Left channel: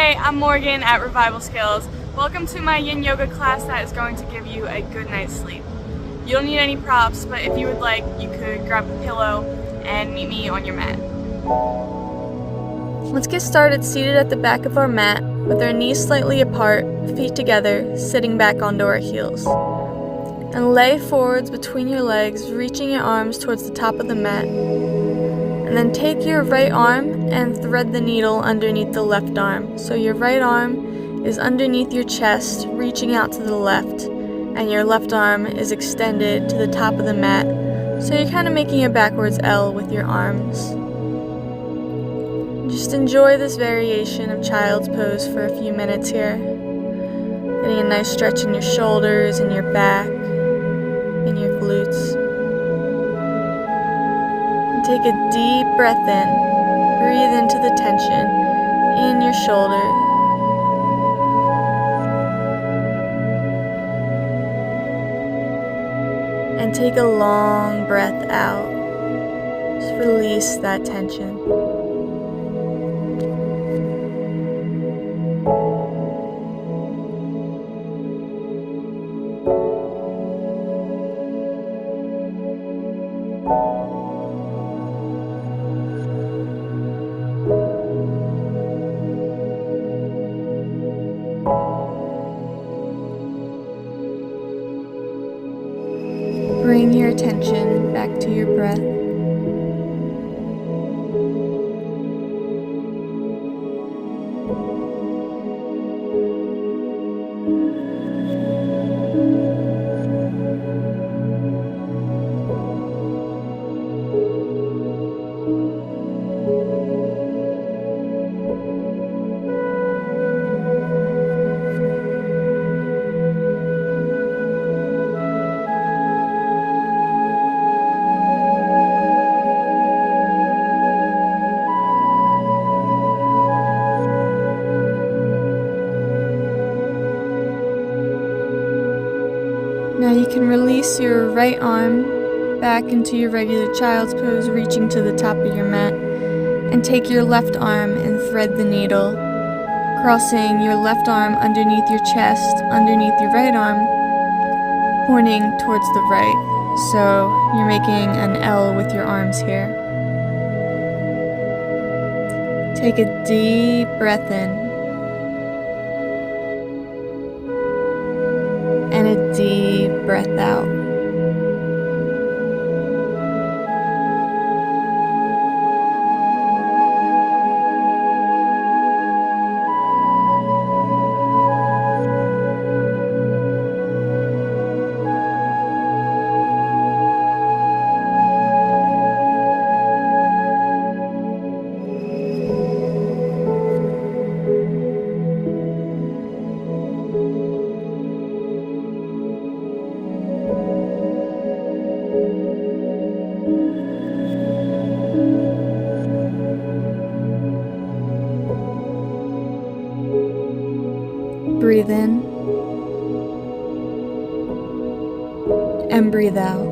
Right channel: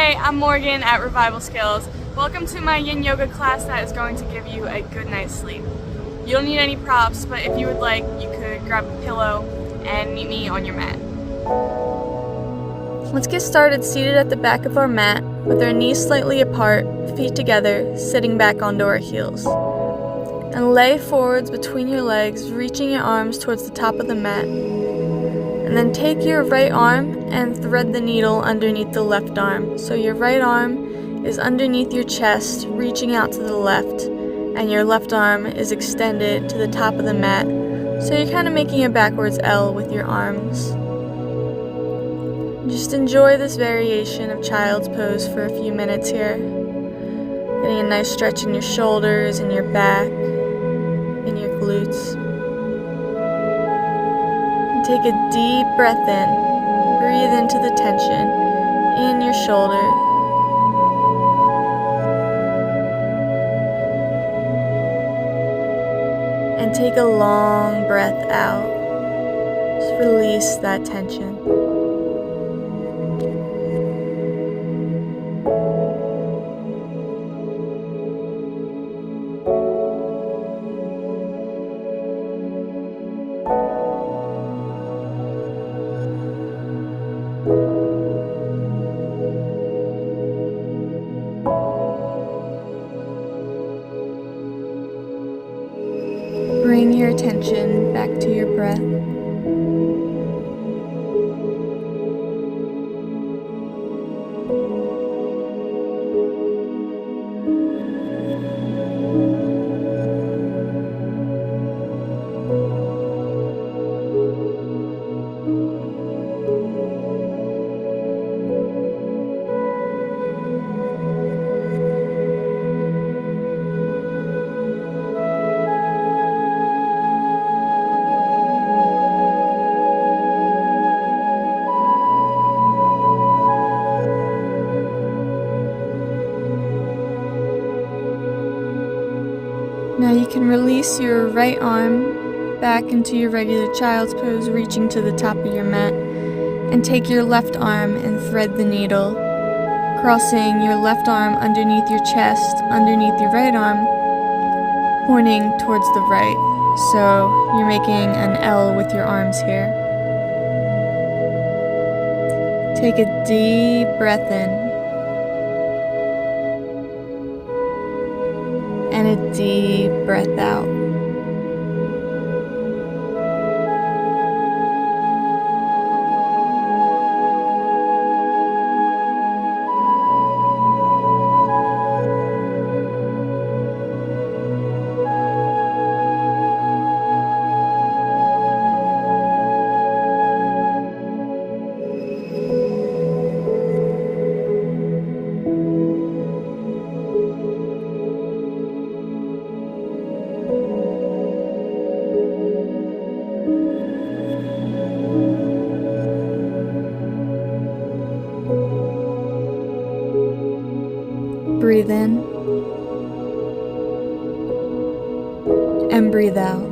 Hey, I'm Morgan at Revival Skills. Welcome to my Yin Yoga class that is going to give you a good night's sleep. You don't need any props, but if you would like, you could grab a pillow and meet me on your mat. Let's get started seated at the back of our mat with our knees slightly apart, feet together, sitting back onto our heels. And lay forwards between your legs, reaching your arms towards the top of the mat. And then take your right arm and thread the needle underneath the left arm. So your right arm is underneath your chest, reaching out to the left, and your left arm is extended to the top of the mat. So you're kind of making a backwards L with your arms. Just enjoy this variation of child's pose for a few minutes here. Getting a nice stretch in your shoulders and your back and your glutes. And take a deep breath in. Breathe into the tension in your shoulder. And take a long breath out. Just release that tension. Bring your attention back to your breath. Now you can release your right arm back into your regular child's pose, reaching to the top of your mat, and take your left arm and thread the needle, crossing your left arm underneath your chest, underneath your right arm, pointing towards the right. So you're making an L with your arms here. Take a deep breath in. And a deep breath out. Breathe in and breathe out.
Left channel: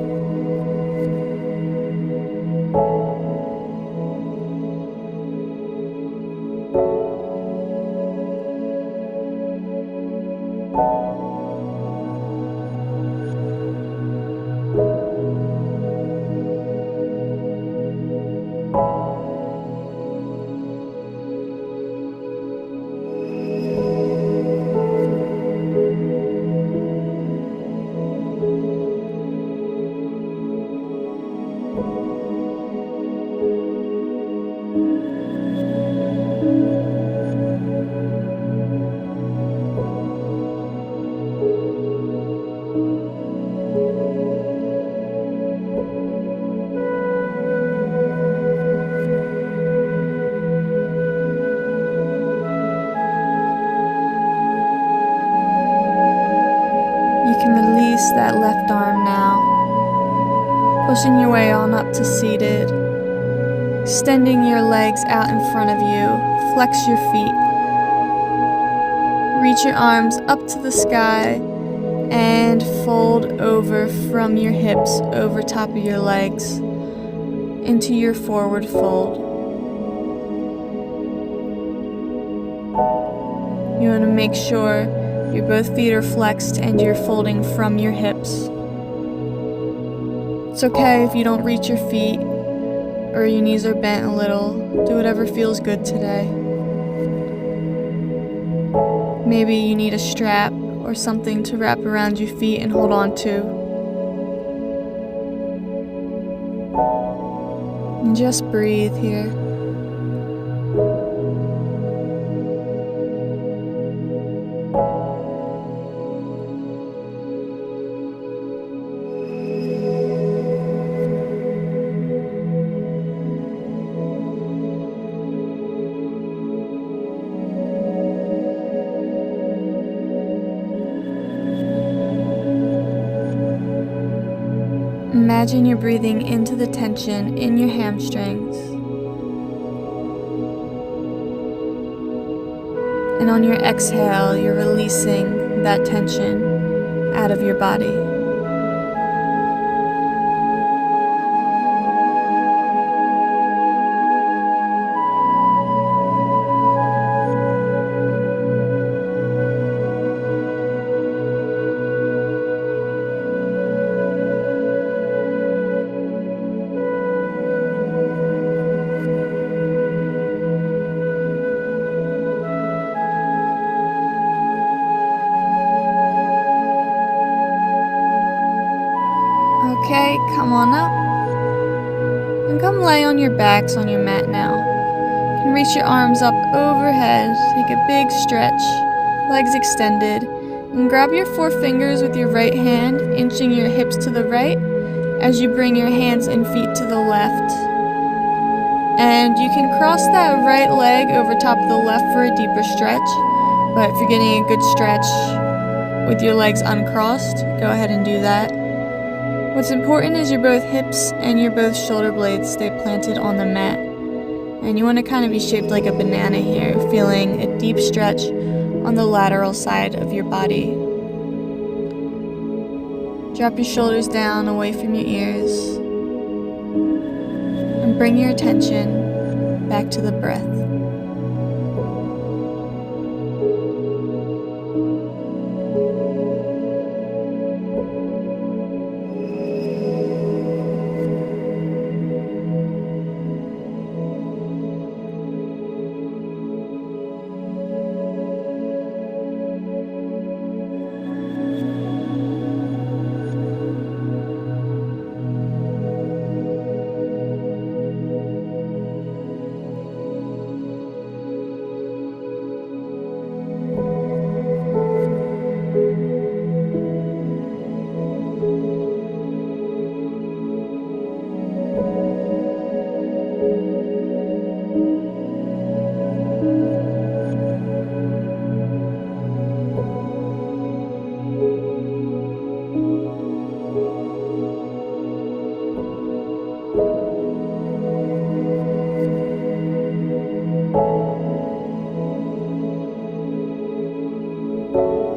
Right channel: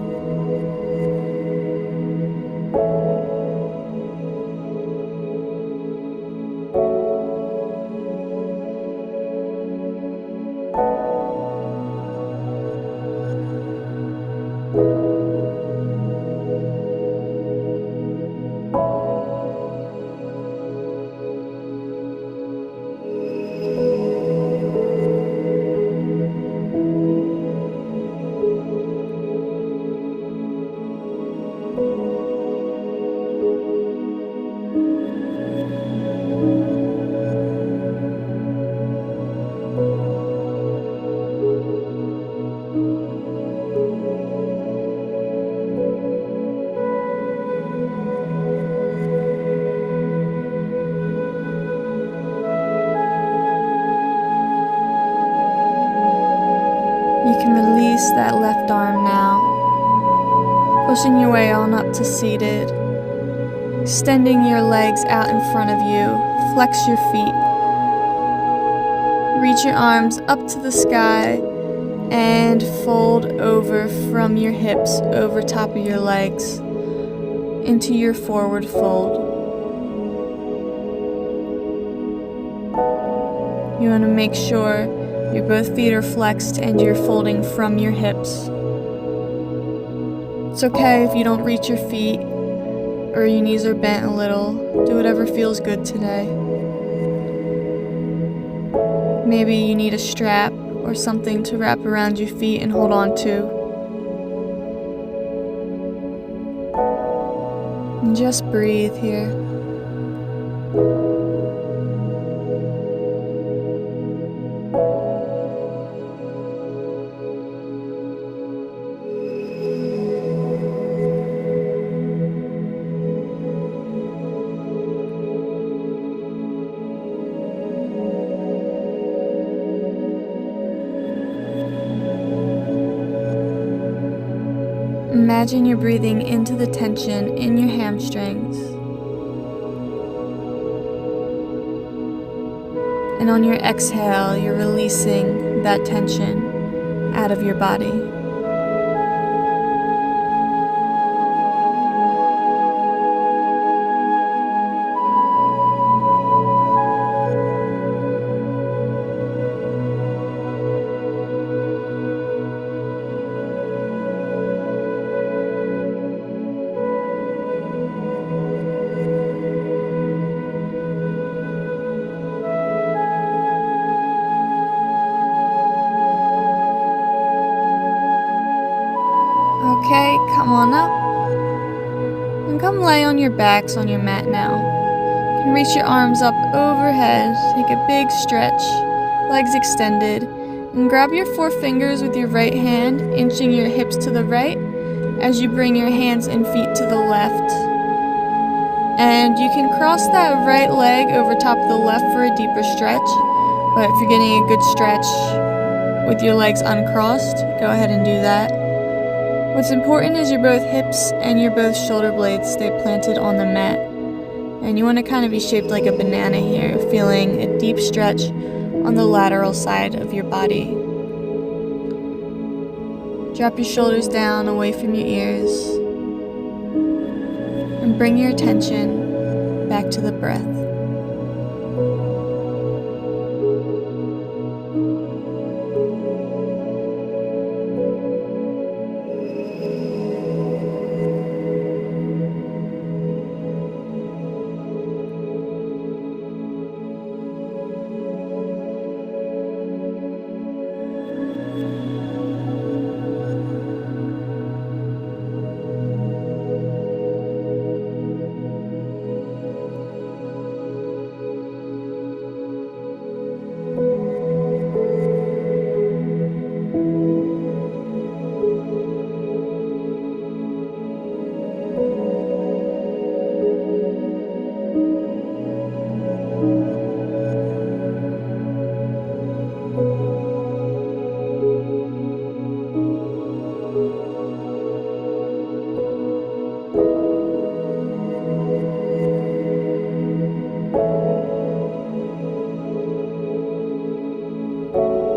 You can release that left arm now, pushing your way on up to seated, extending your legs out in front of you, flex your feet, reach your arms up to the sky, and fold over from your hips over top of your legs into your forward fold. You want to make sure your both feet are flexed and you're folding from your hips. It's okay if you don't reach your feet or your knees are bent a little. Do whatever feels good today. Maybe you need a strap or something to wrap around your feet and hold on to. And just breathe here. Imagine you're breathing into the tension in your hamstrings. And on your exhale, you're releasing that tension out of your body. Okay, come on up. And come lay on your backs on your mat now. You can reach your arms up overhead, take a big stretch, legs extended, and grab your 4 fingers with your right hand, inching your hips to the right as you bring your hands and feet to the left. And you can cross that right leg over top of the left for a deeper stretch, but if you're getting a good stretch with your legs uncrossed, go ahead and do that. What's important is your both hips and your both shoulder blades stay planted on the mat. And you want to kind of be shaped like a banana here, feeling a deep stretch on the lateral side of your body. Drop your shoulders down away from your ears. And bring your attention back to the breath.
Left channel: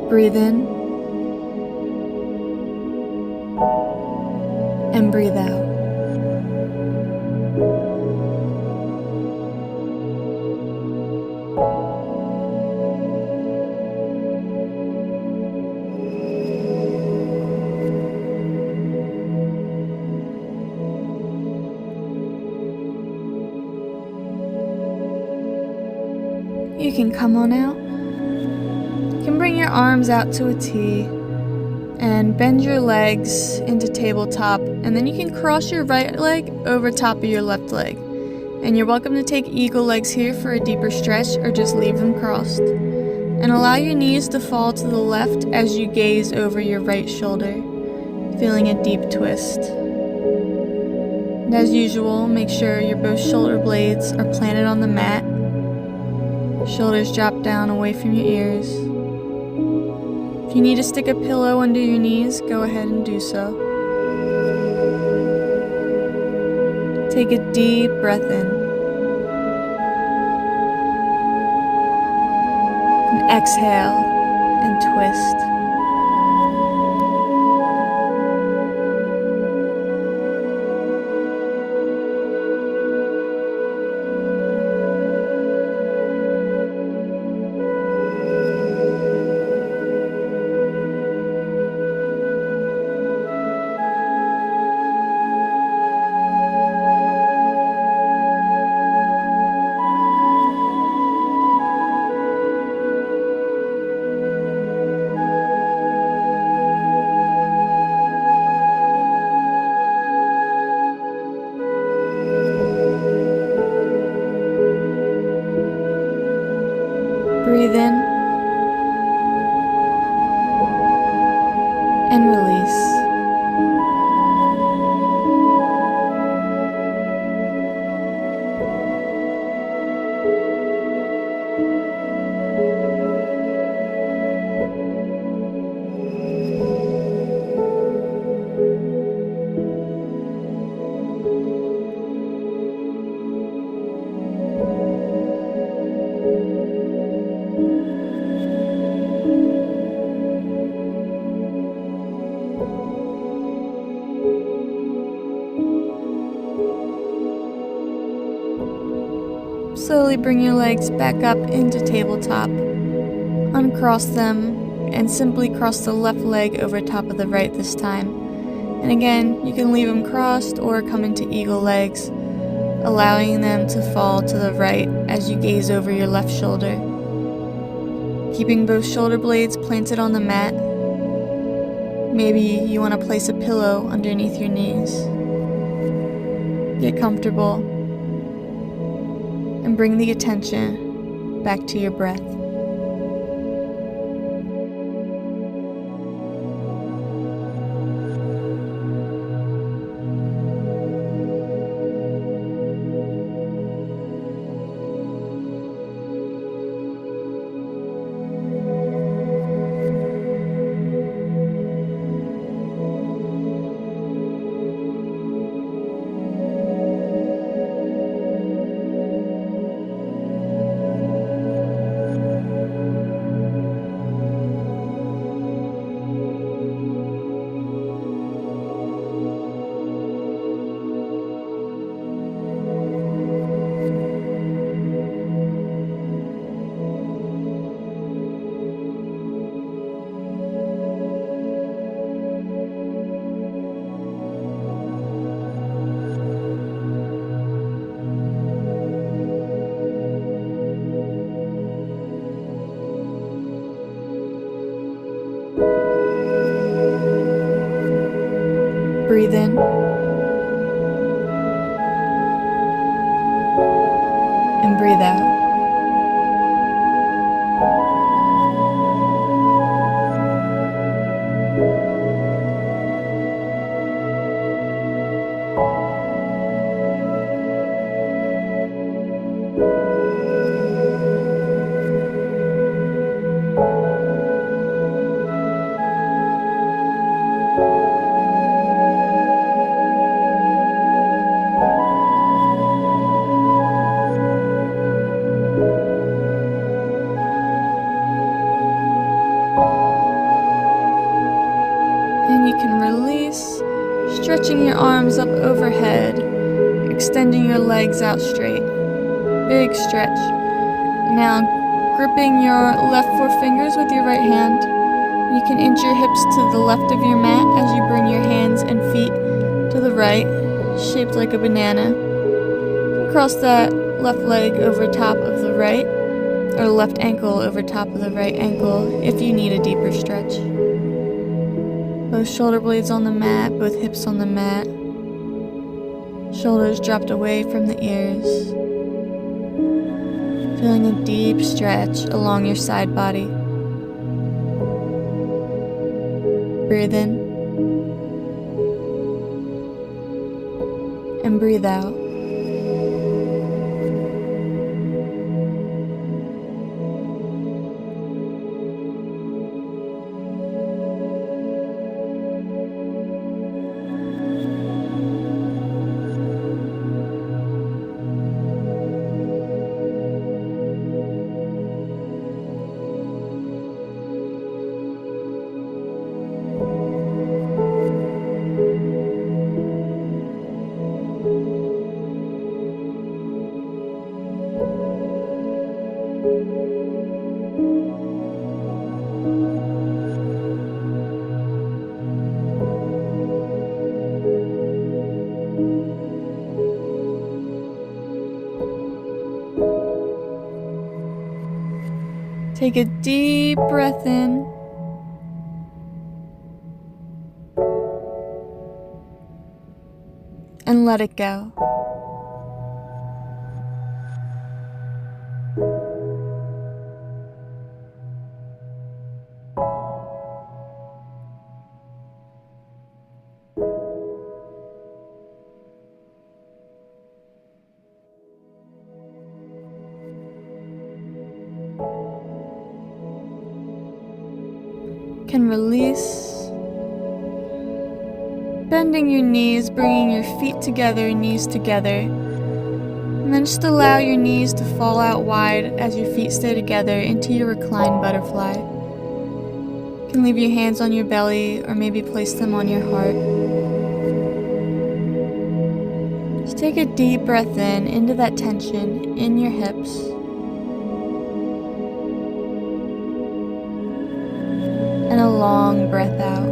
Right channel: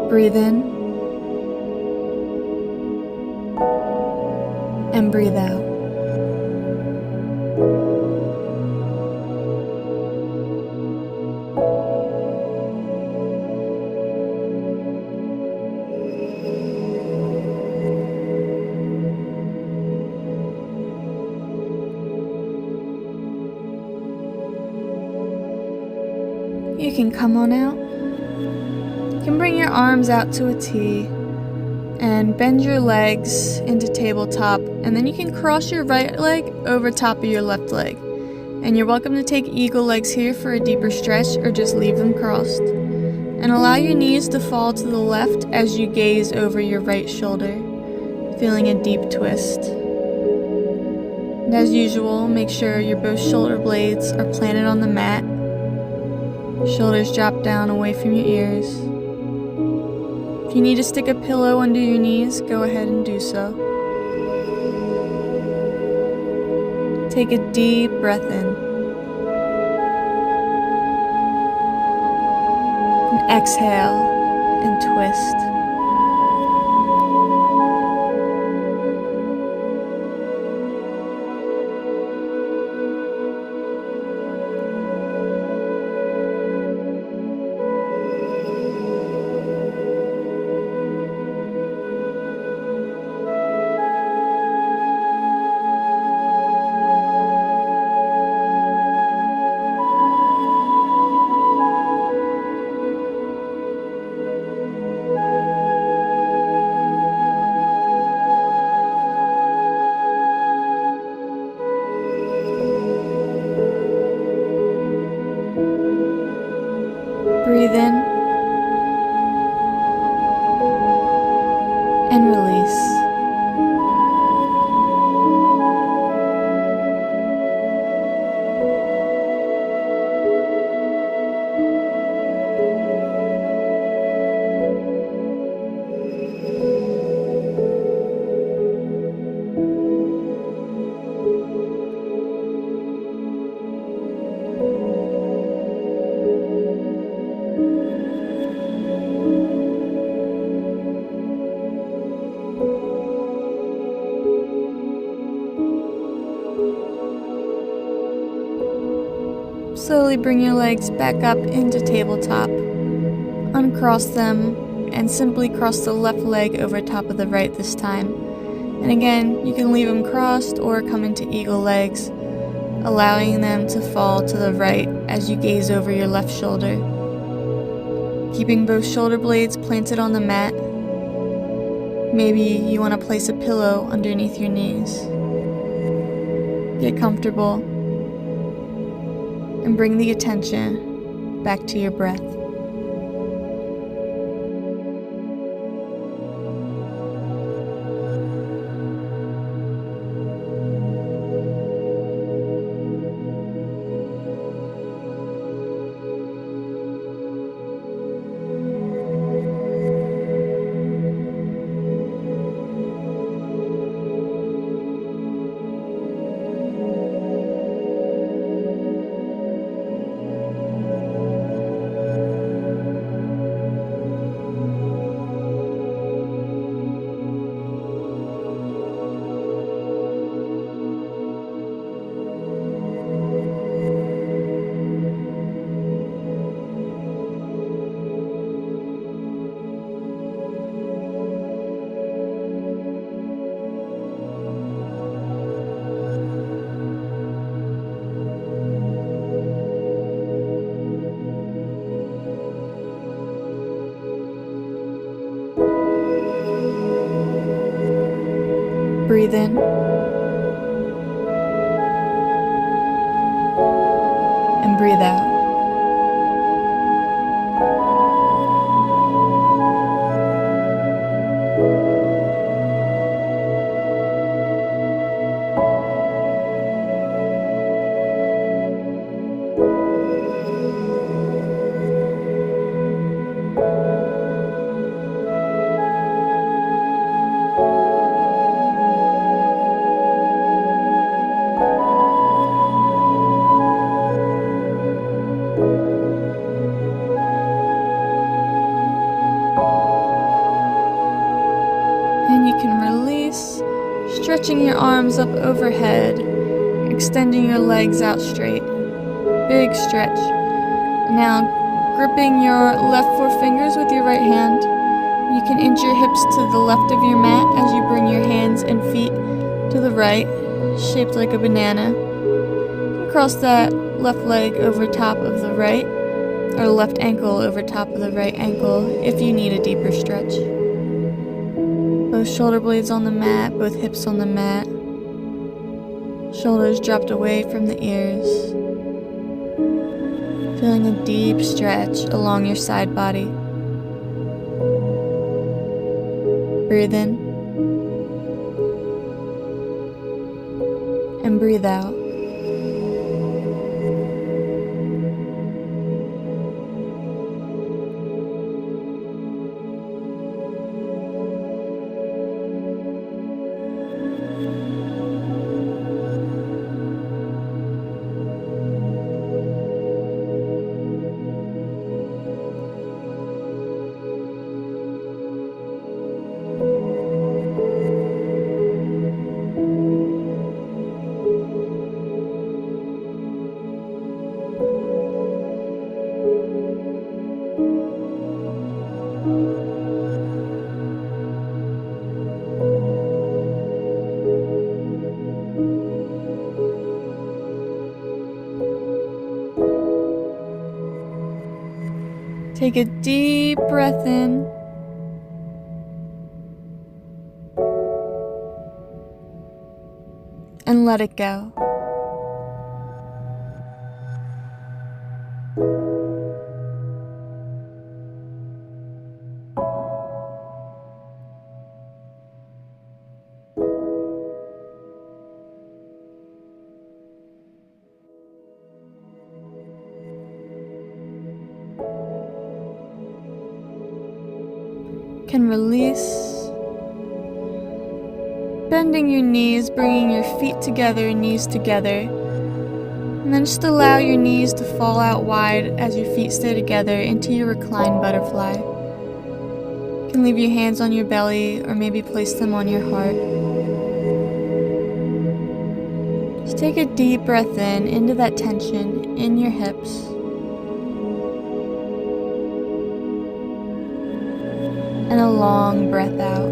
Breathe in and breathe out. You can come on out. You can bring your arms out to a T and bend your legs into tabletop, and then you can cross your right leg over top of your left leg. And you're welcome to take eagle legs here for a deeper stretch or just leave them crossed. And allow your knees to fall to the left as you gaze over your right shoulder, feeling a deep twist. And as usual, make sure your both shoulder blades are planted on the mat. Shoulders drop down away from your ears. If you need to stick a pillow under your knees, go ahead and do so. Take a deep breath in. And exhale and twist. Breathe in and release. Slowly bring your legs back up into tabletop. Uncross them and simply cross the left leg over top of the right this time. And again, you can leave them crossed or come into eagle legs, allowing them to fall to the right as you gaze over your left shoulder. Keeping both shoulder blades planted on the mat. Maybe you want to place a pillow underneath your knees. Get comfortable and bring the attention back to your breath. Breathe in and breathe out. And you can release, stretching your arms up overhead, extending your legs out straight. Big stretch. Now, gripping your left forefingers with your right hand, you can inch your hips to the left of your mat as you bring your hands and feet to the right, shaped like a banana. You can cross that left leg over top of the right, or left ankle over top of the right ankle if you need a deeper stretch. Both shoulder blades on the mat, both hips on the mat. Shoulders dropped away from the ears. Feeling a deep stretch along your side body. Breathe in and breathe out. Take a deep breath in. And let it go. can release. Bending your knees, bringing your feet together, knees together. And then just allow your knees to fall out wide as your feet stay together into your reclined butterfly. You can leave your hands on your belly or maybe place them on your heart. Just take a deep breath in into that tension in your hips. And a long breath out.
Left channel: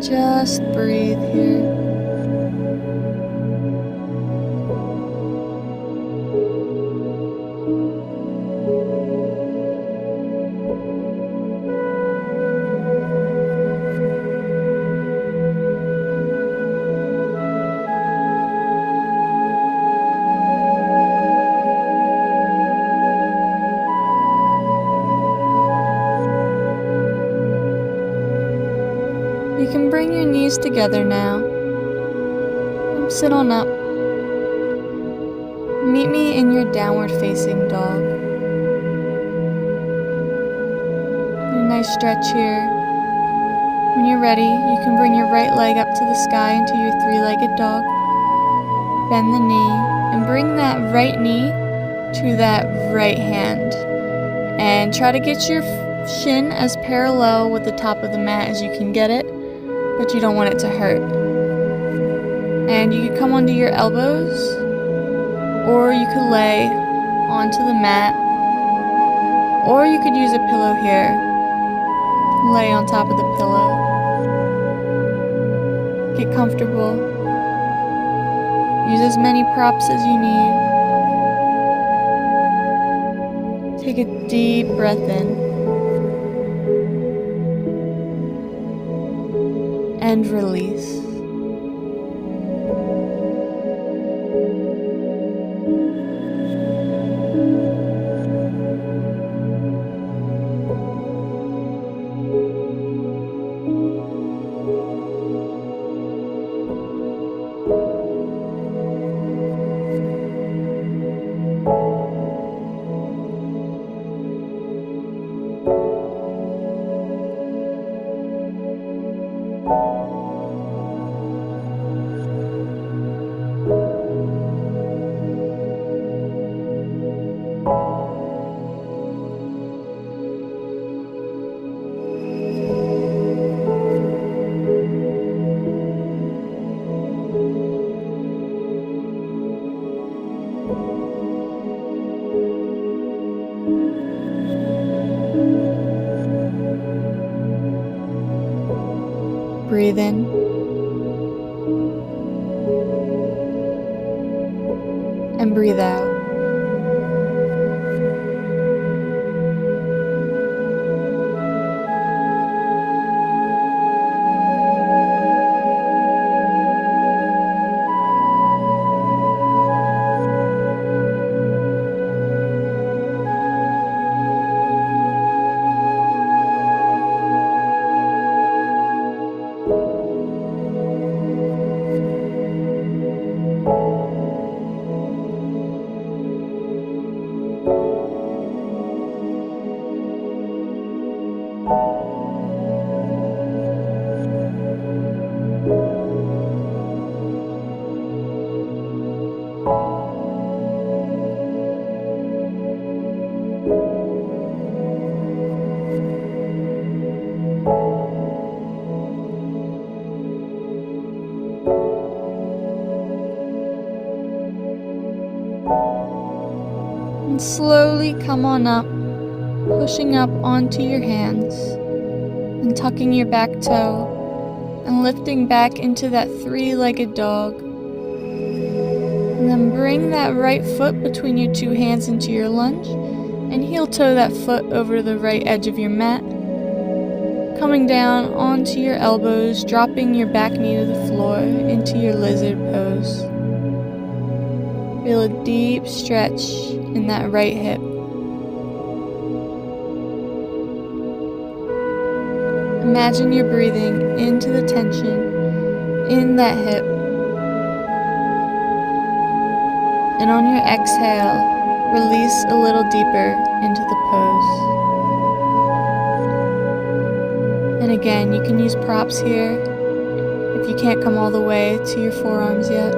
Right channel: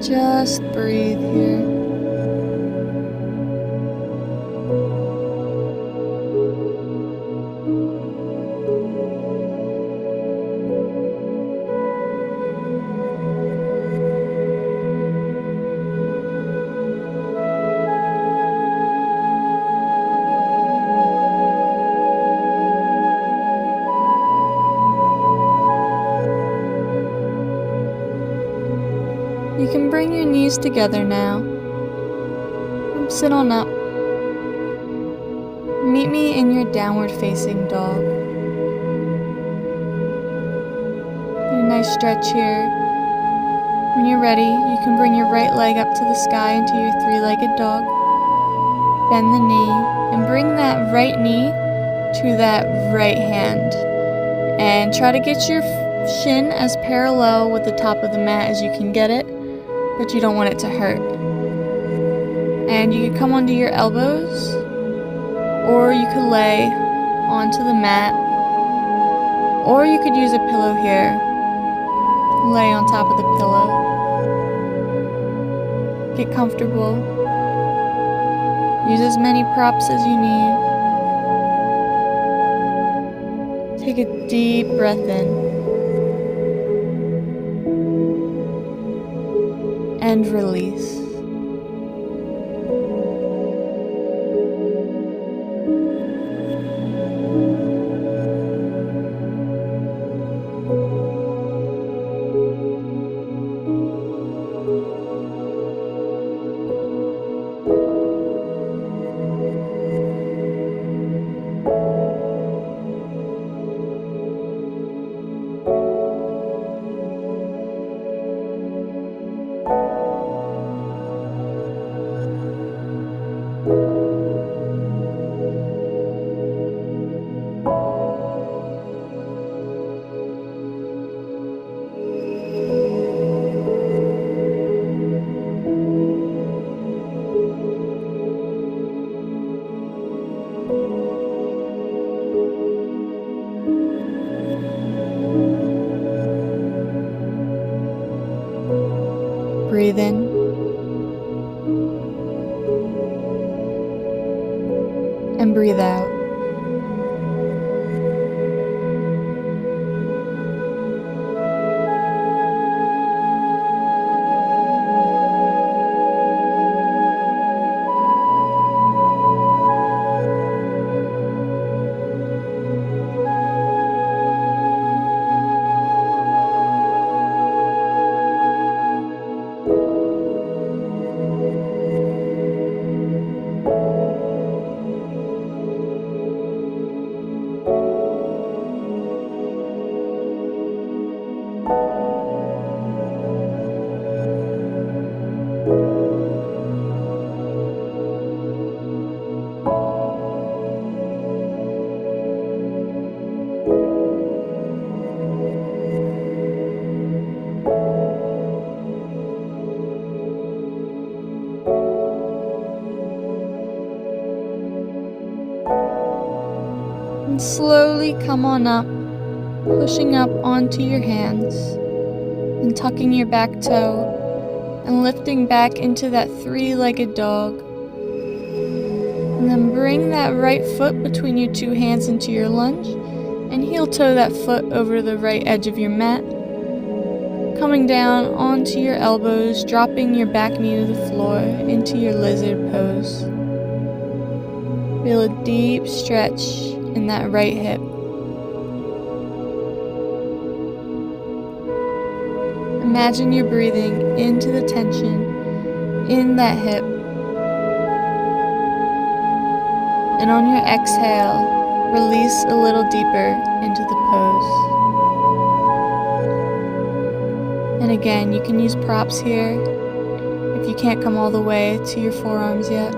Just breathe here. You can bring your knees together now. Sit on up. Meet me in your downward facing dog. A nice stretch here. When you're ready, you can bring your right leg up to the sky into your three-legged dog. Bend the knee and bring that right knee to that right hand. And try to get your shin as parallel with the top of the mat as you can get it, but you don't want it to hurt. And you could come onto your elbows, or you could lay onto the mat, or you could use a pillow here. Lay on top of the pillow. Get comfortable. Use as many props as you need. Take a deep breath in. And release. Breathe in and breathe out. And slowly come on up, pushing up onto your hands and tucking your back toe and lifting back into that three-legged dog. And then bring that right foot between your two hands into your lunge and heel toe that foot over the right edge of your mat. Coming down onto your elbows, dropping your back knee to the floor into your lizard pose. Feel a deep stretch in that right hip. Imagine you're breathing into the tension in that hip. And on your exhale, release a little deeper into the pose. And again, you can use props here if you can't come all the way to your forearms yet.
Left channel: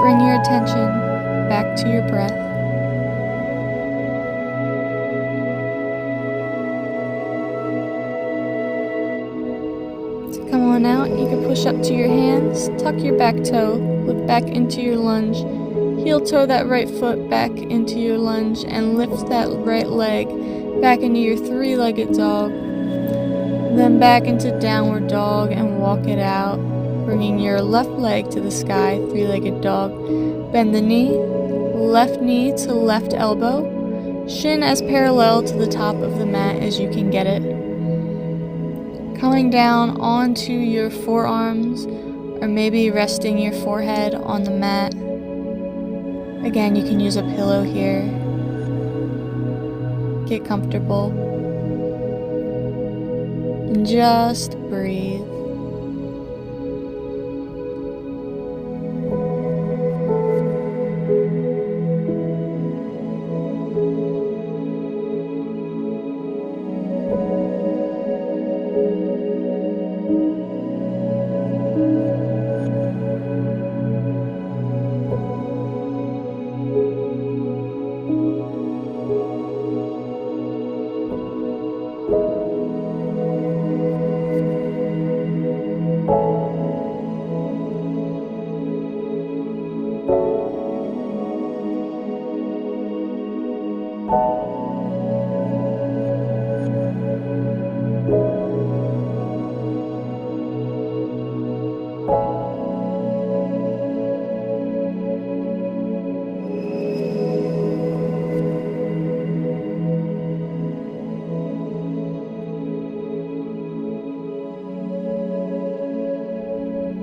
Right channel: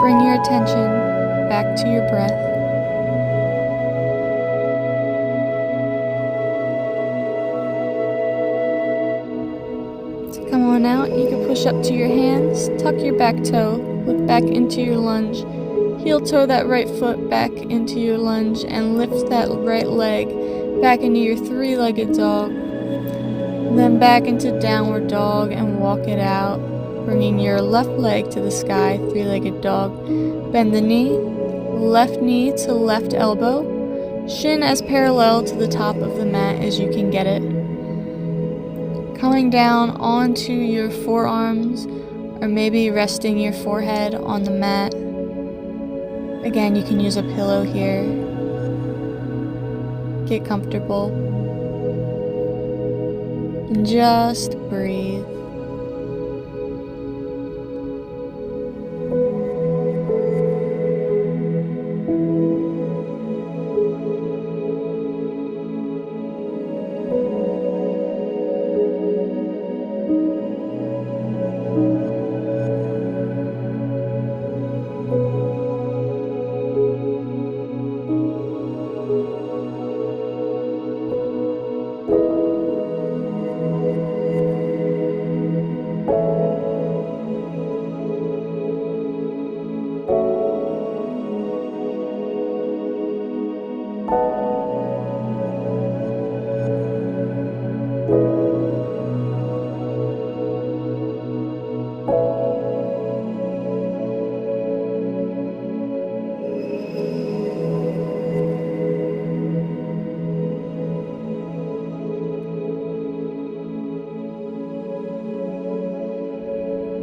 Bring your attention back to your breath. To come on out, you can push up to your hands, tuck your back toe, lift back into your lunge, heel toe that right foot back into your lunge, and lift that right leg back into your three-legged dog. Then back into downward dog and walk it out. Bringing your left leg to the sky, three-legged dog. Bend the knee to left elbow. Shin as parallel to the top of the mat as you can get it. Coming down onto your forearms, or maybe resting your forehead on the mat. Again, you can use a pillow here. Get comfortable. And just breathe.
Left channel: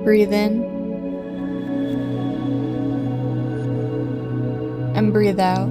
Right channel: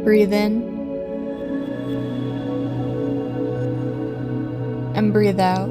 Breathe in and breathe out.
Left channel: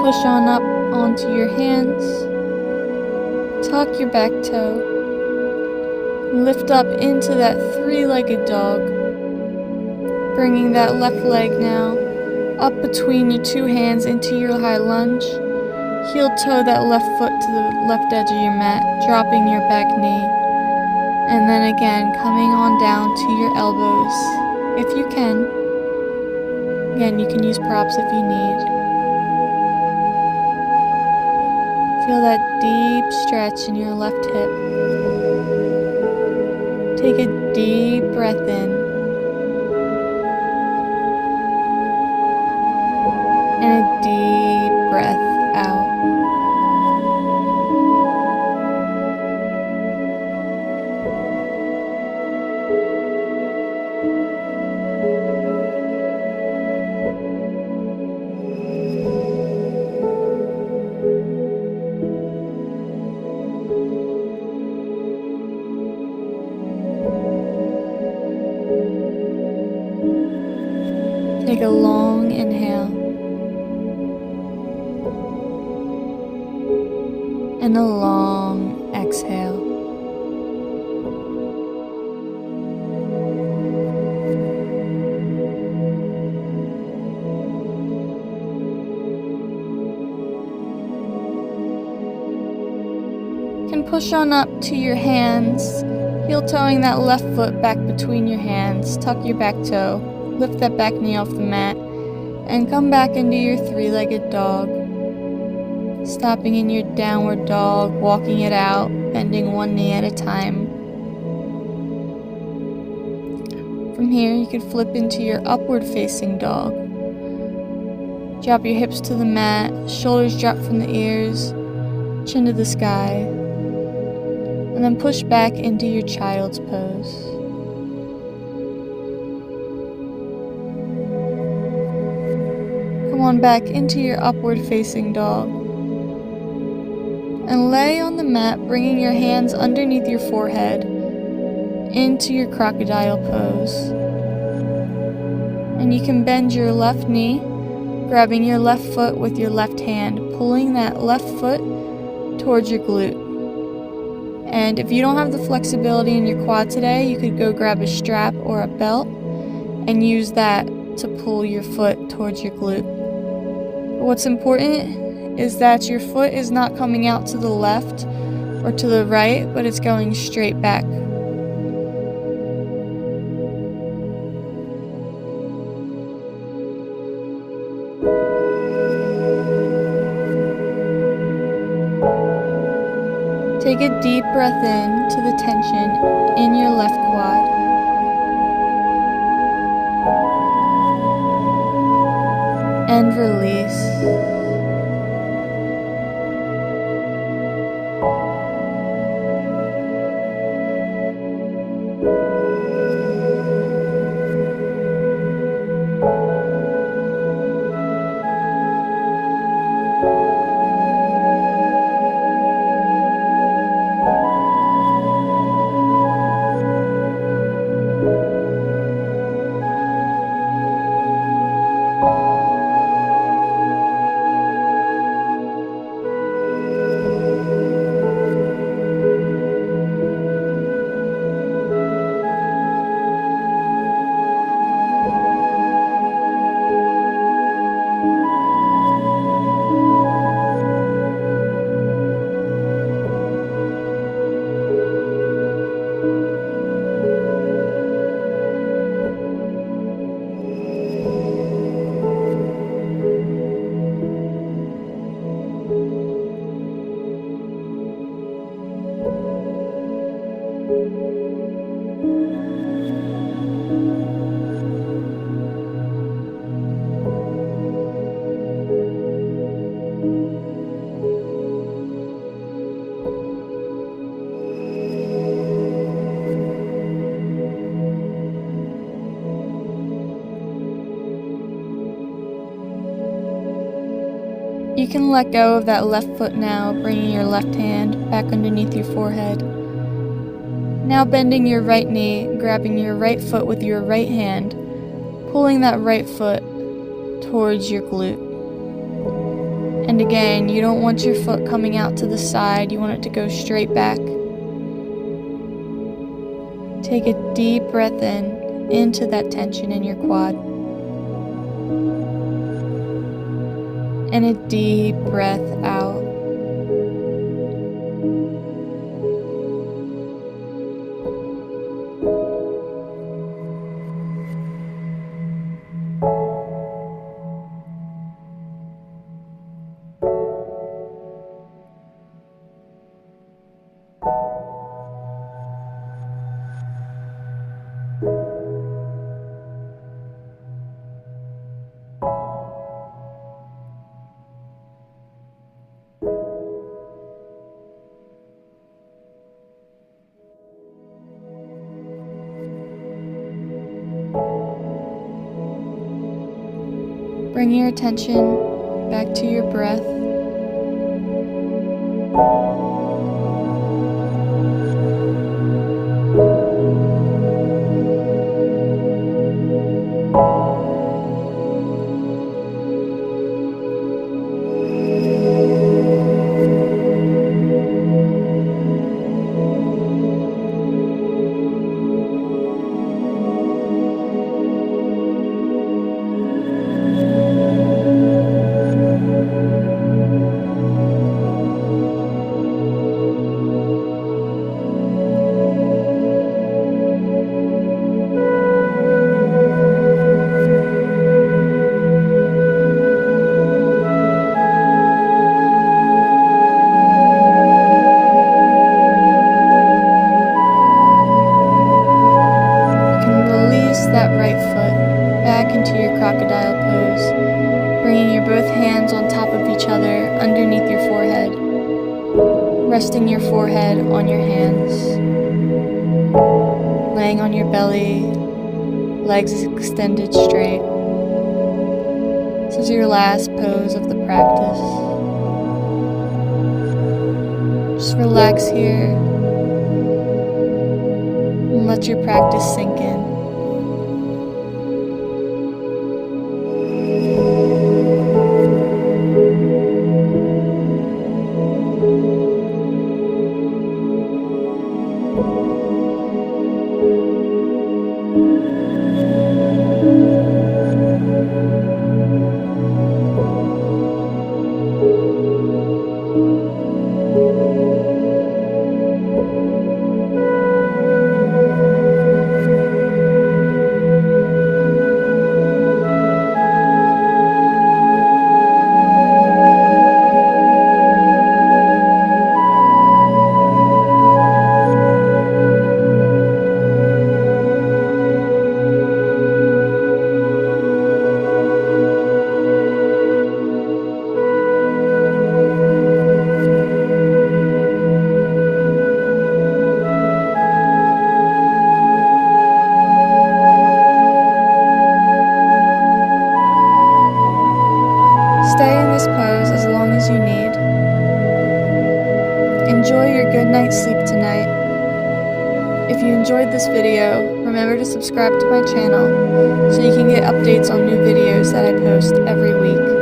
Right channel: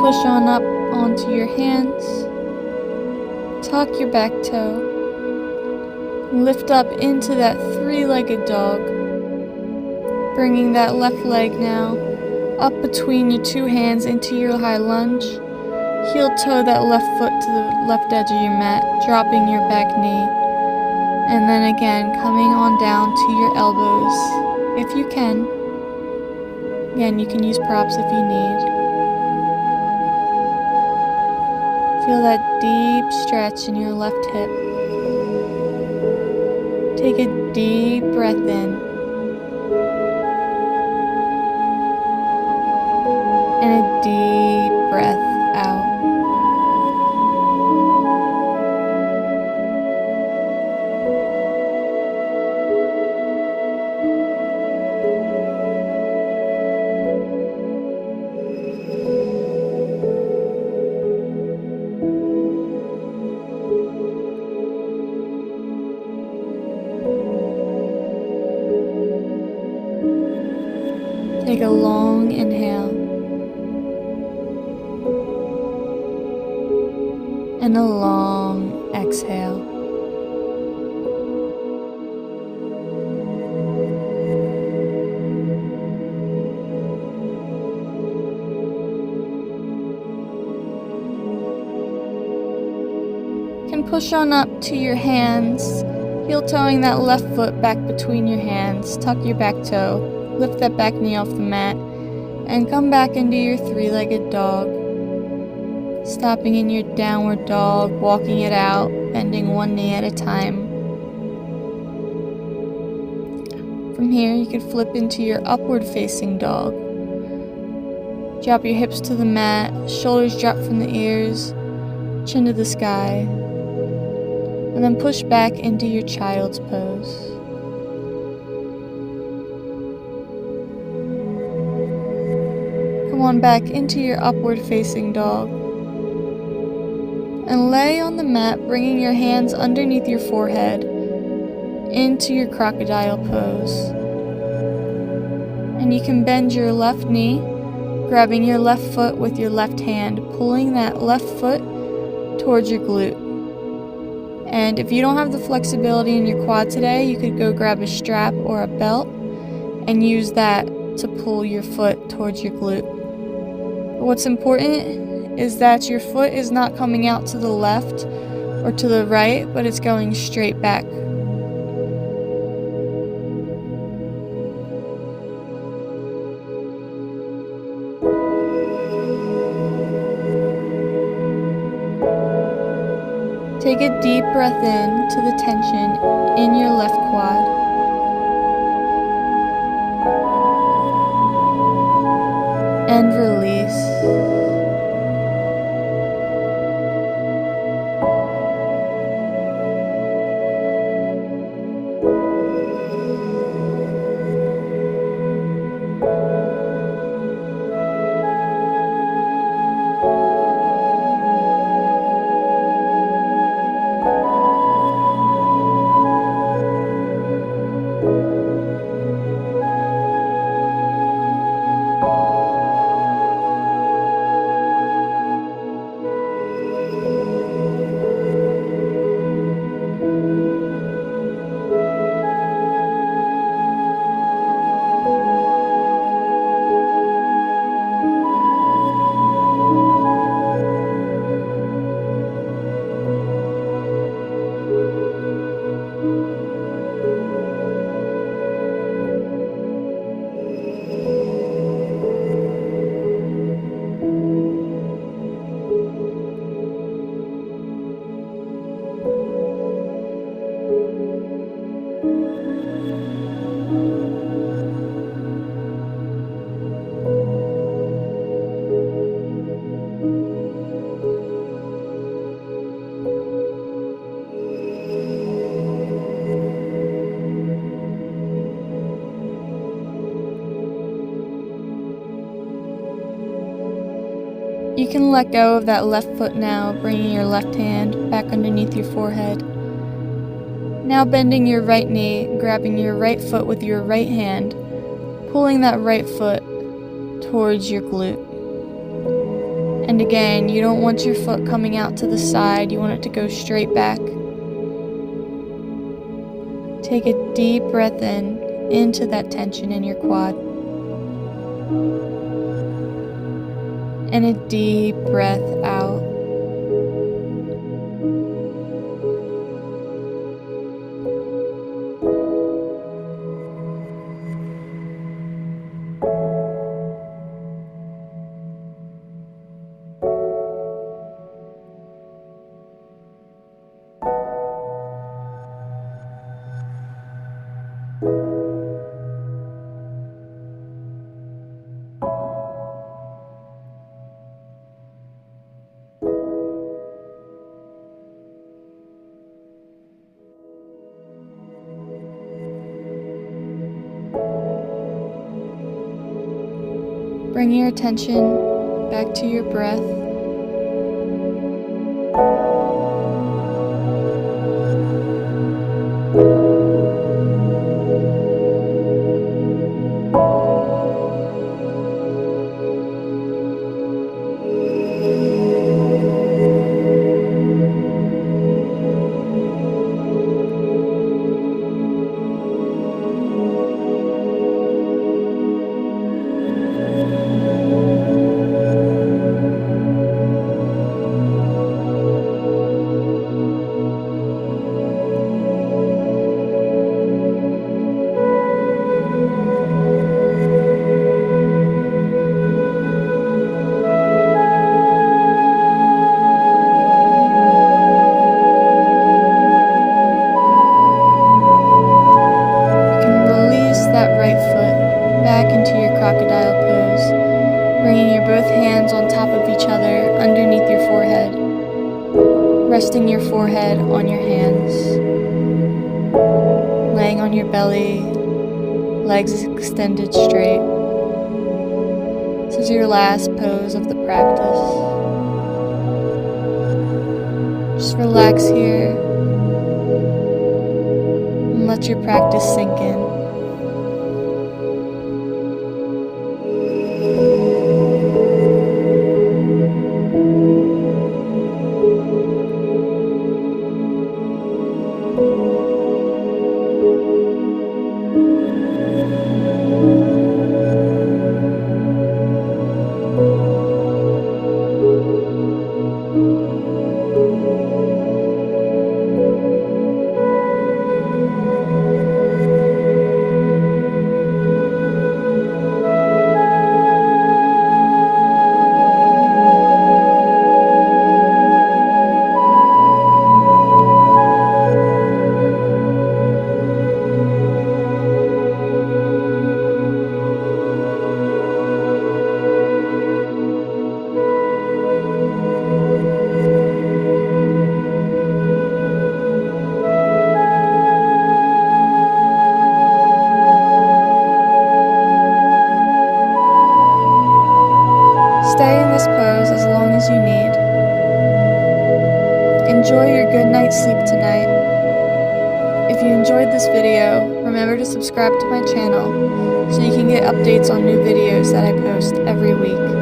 Push on up onto your hands, tuck your back toe, lift up into that three-legged dog, bringing that left leg now up between your two hands into your high lunge, heel toe that left foot to the left edge of your mat, dropping your back knee, and then again coming on down to your elbows if you can. Again, you can use props if you need. Feel that deep stretch in your left hip. Take a deep breath in and a deep breath out. Take a long inhale and a long exhale. You can push on up to your hands, heel-toeing that left foot back between your hands. Tuck your back toe. Lift that back knee off the mat and come back into your three-legged dog. Stopping in your downward dog, walking it out, bending one knee at a time. From here, you can flip into your upward facing dog. Drop your hips to the mat, shoulders drop from the ears, chin to the sky, and then push back into your child's pose. Come on back into your upward facing dog and lay on the mat, bringing your hands underneath your forehead into your crocodile pose. And you can bend your left knee, grabbing your left foot with your left hand, pulling that left foot towards your glute. And if you don't have the flexibility in your quad today, you could go grab a strap or a belt and use that to pull your foot towards your glute. What's important is that your foot is not coming out to the left or to the right, but it's going straight back. Take a deep breath in to the tension in your left quad. And release. You can let go of that left foot now, bringing your left hand back underneath your forehead. Now bending your right knee, grabbing your right foot with your right hand, pulling that right foot towards your glute. And again, you don't want your foot coming out to the side, you want it to go straight back. Take a deep breath in, into that tension in your quad. And a deep breath out. Bring your attention back to your breath. That right foot back into your crocodile pose, bringing your both hands on top of each other underneath your forehead, resting your forehead on your hands, laying on your belly, legs extended straight. This is your last pose of the practice. Just relax here and let your practice sink in. Stay in this pose as long as you need. Enjoy your good night's sleep tonight. If you enjoyed this video, remember to subscribe to my channel so you can get updates on new videos that I post every week.